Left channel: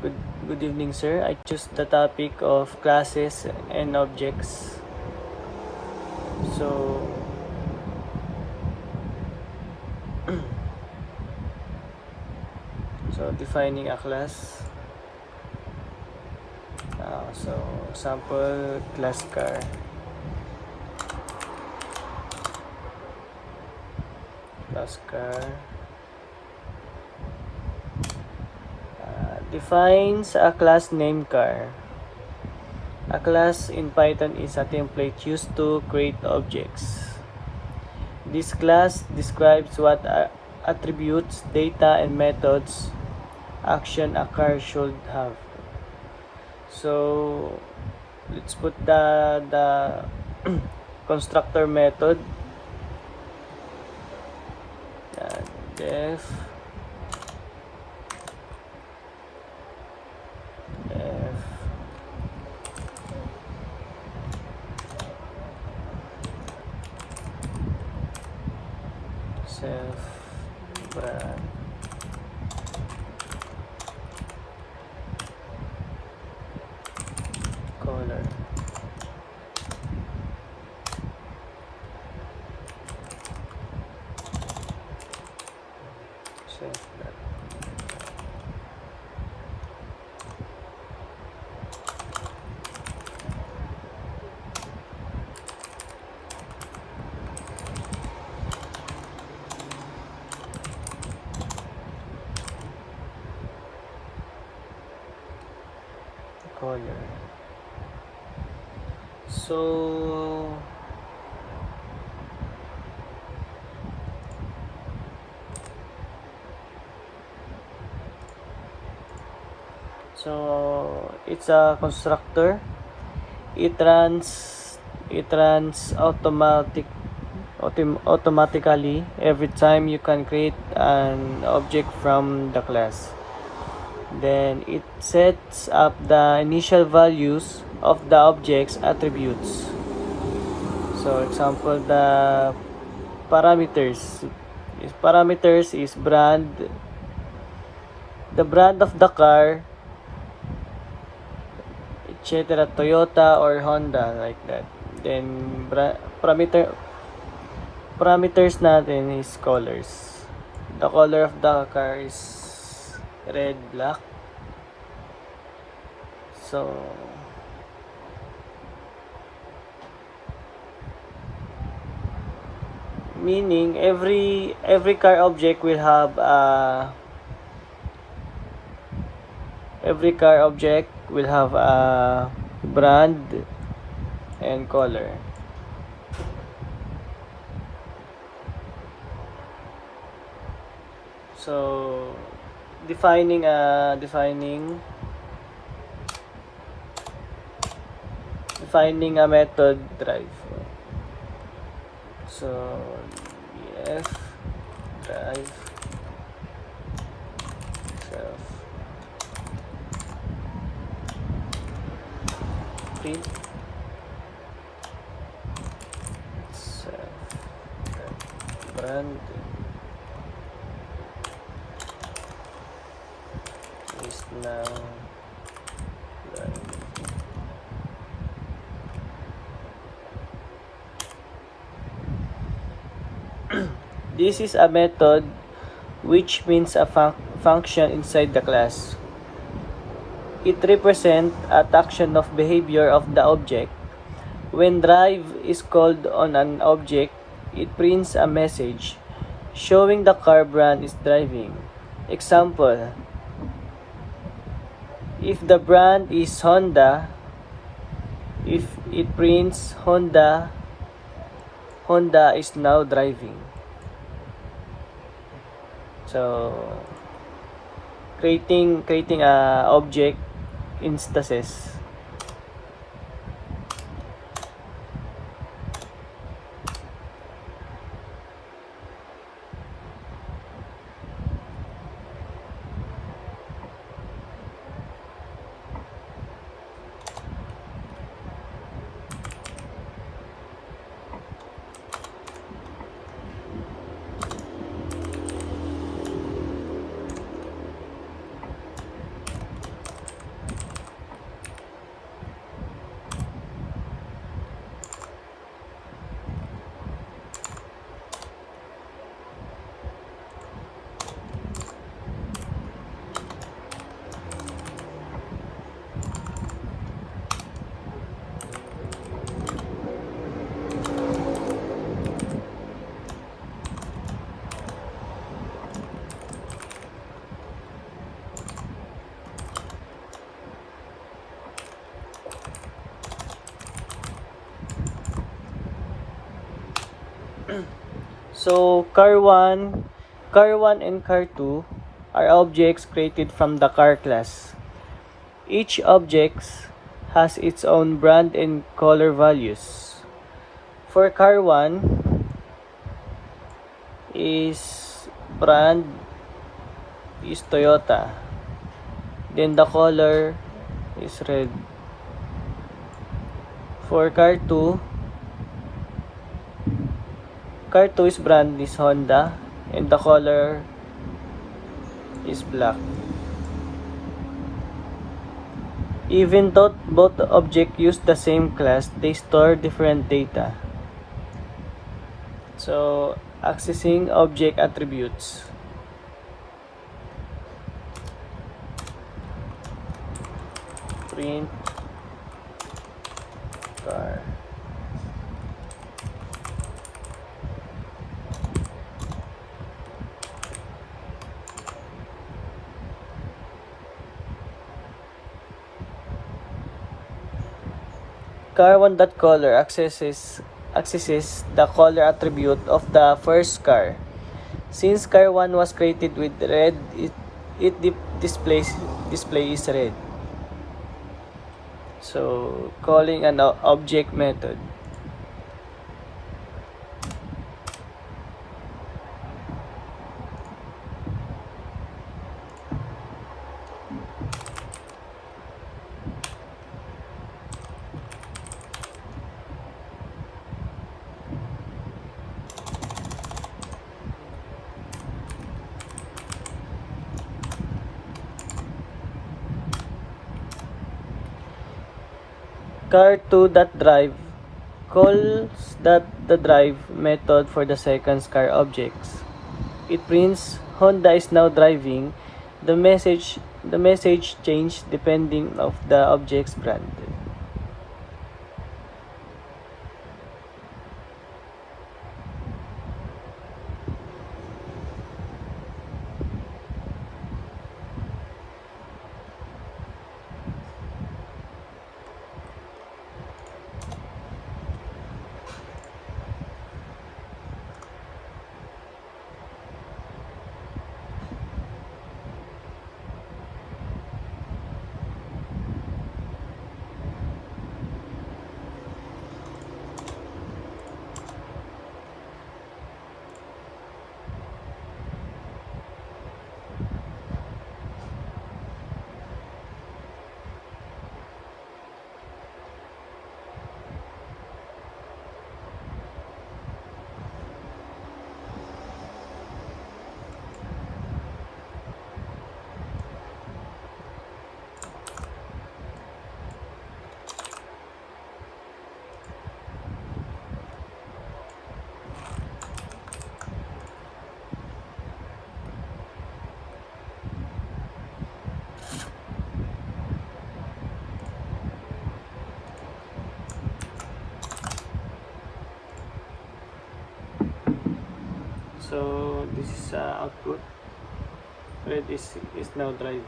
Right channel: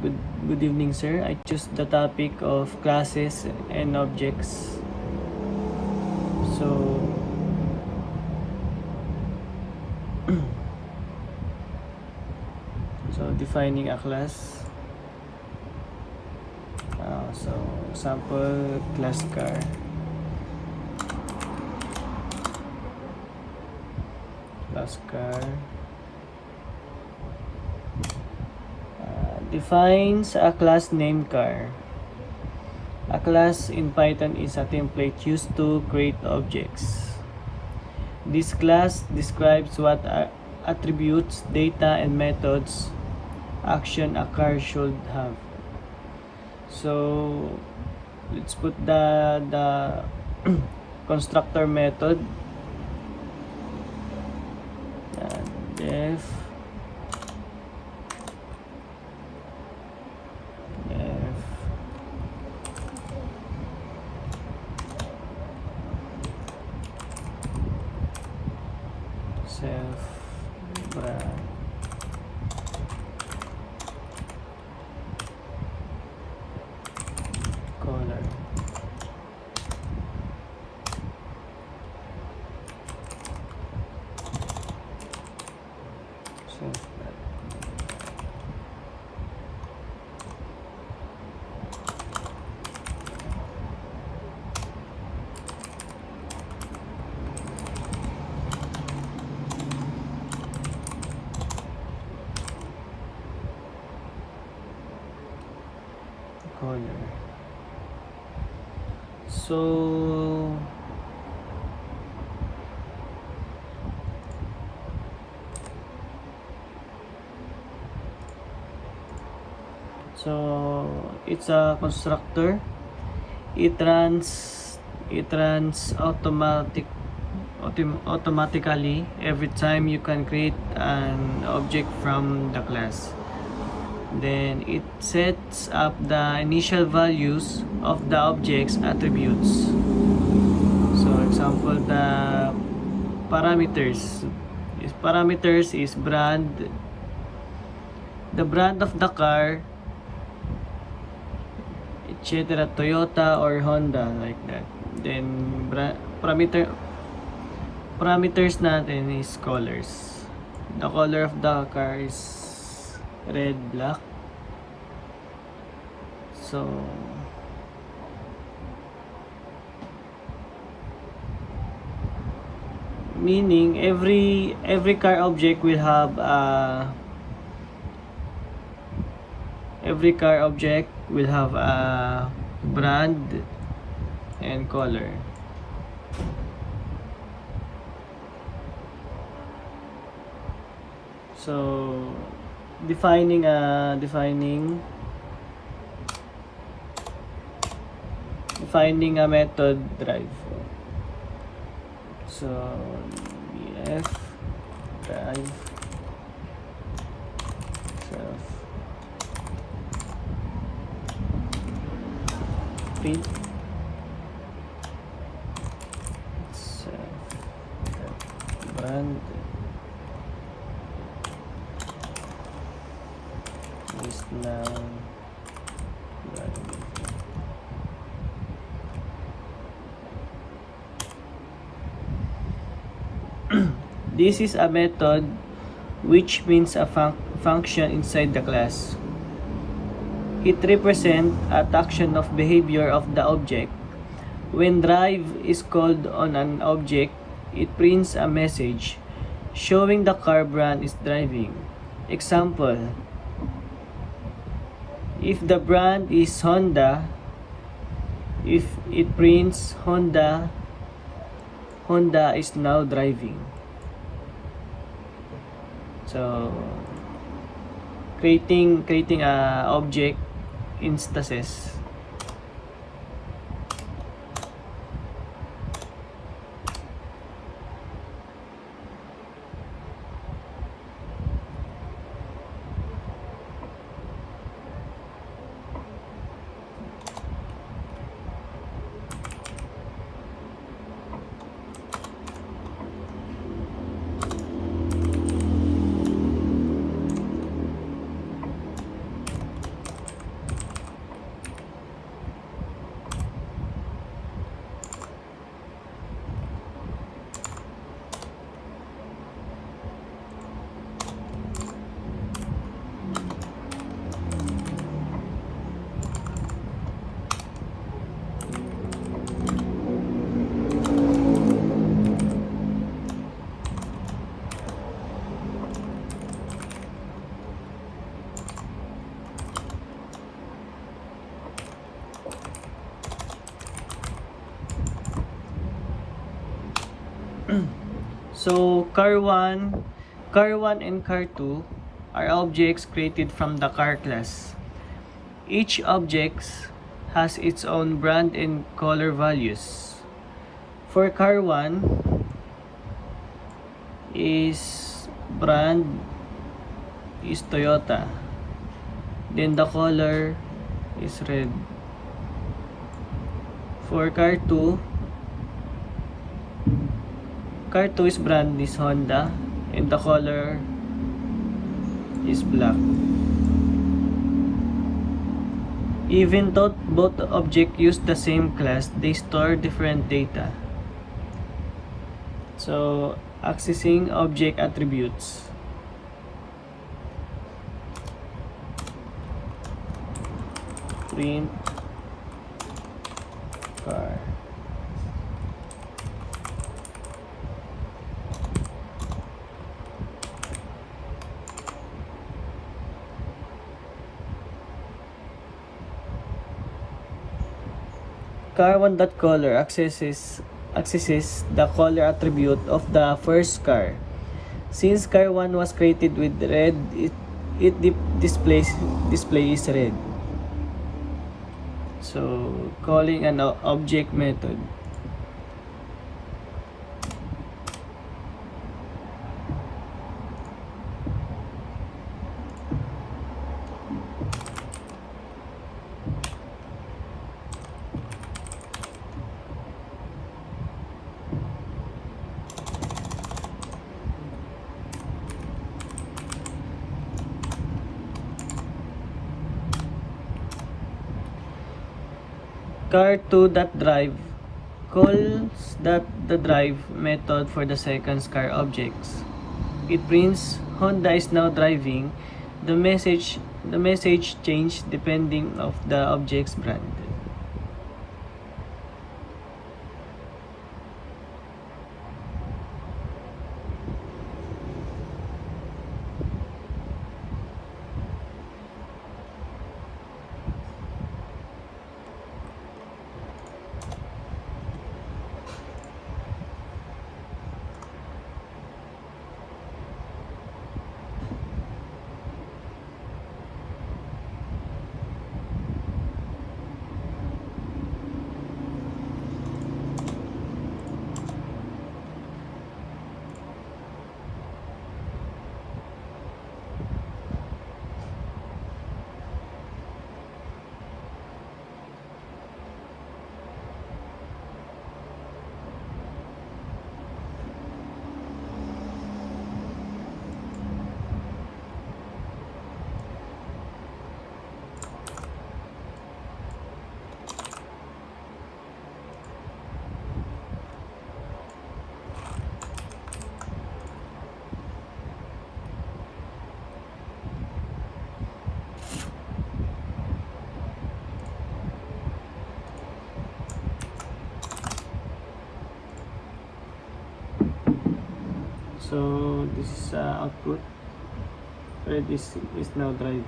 Good, good evening, sir. I choose the topic of classes and objects. So, defining a class. So, sample class car. Class car. Defines a class named car. A class in Python is a template used to create objects. This class describes what attributes, data, and methods action a car should have. So let's put the constructor method. Def self brand color self brand color. So it's a constructor. It runs automatically every time you can create an object from the class. Then it sets up the initial values of the object's attributes. So example, the parameters is brand, the brand of the car, etc., Toyota or Honda, like that. Then parameters natin is colors. The color of the car is red, black. So meaning every car object will have a brand and color. So defining a method drive. So df drive self print self brand is now drive. This is a method, which means a function inside the class. It represents a action of behavior of the object. When drive is called on an object, it prints a message showing the car brand is driving. Example, if the brand is Honda, if it prints Honda is now driving. So creating a object instances. So car 1 and car 2 are objects created from the car class. Each object has its own brand and color values. For car 1 is brand is Toyota. Then the color is red. For car 2 is brand is Honda and the color is black. Even though both objects use the same class, they store different data. So, accessing object attributes. Print car. Car1.color accesses the color attribute of the first car. Since car 1 was created with red, it display is red. So, calling an object method. Car2.drive calls the drive method for the second car objects. It prints Honda is now driving. The message change depending of the object's brand. So this is output. Red is now driving.